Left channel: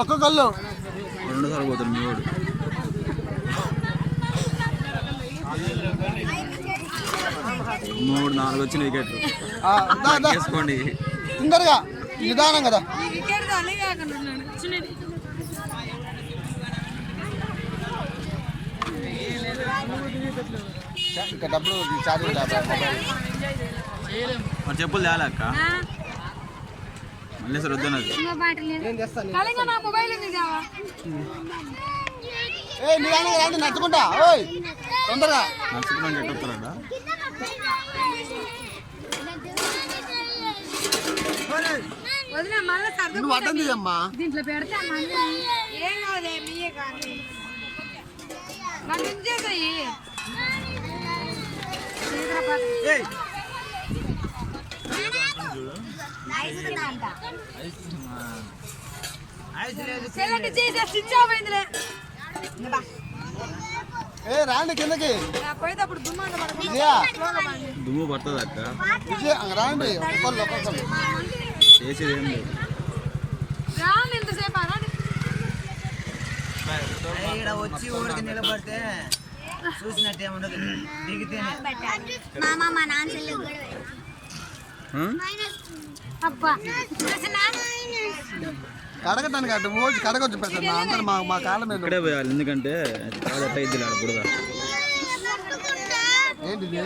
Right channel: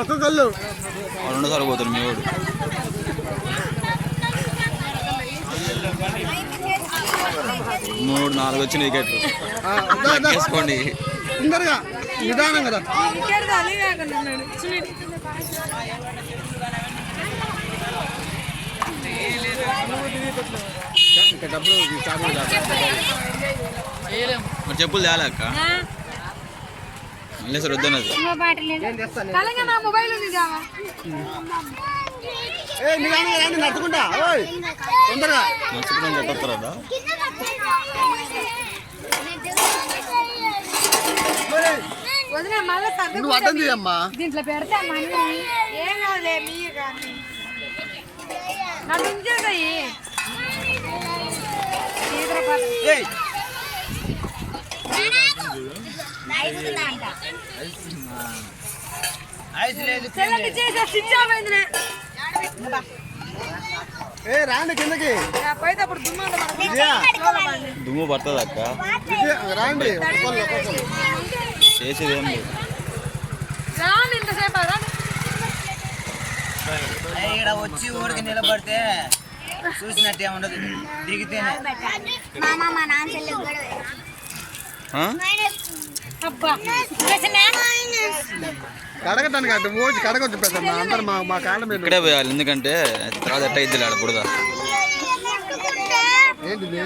ఒక్క కళ్ళు రెండోసారి పోతాడు మీ వాడు. మూడు నాలుగు వచ్చిన వికెట్లు వేసుకోండి. ఇందరుగా నిదానం కదా. డబ్బులు మరి చెప్పులు తేలేక్క మళ్ళీ సార్ వద్దన్నది. నడుచుకుంటా తొందరగా నడుచుకుంటా చెట్టొస్తారా? నువ్వు అడ్డం తీయమ్మా. దీంట్లో పెడతా ఏం కాదులే మీయే కానీ నన్ను ఉంచేసాయి. రాండి కిందకి పోయేటప్పుడు దుమ్ము పడుతుంది అక్క. రాండి చేసేది ఏం లేదు. రాండి ఇంతసేపు రాండి. ఇక్కడ వచ్చి ఊరికి నిలబడితే చూసినట్టే ఉండదు, దిగితేనే. కడగటానికి అటు రోజు కడగొచ్చు పెద్ద అందరు మా కాళ్ళ మీద ఇక్కడే పోయాలి, ఎందుకంటే తర్వాత ఎట్ట ఇద్దులే ఆడ బుడద. ఏంటిది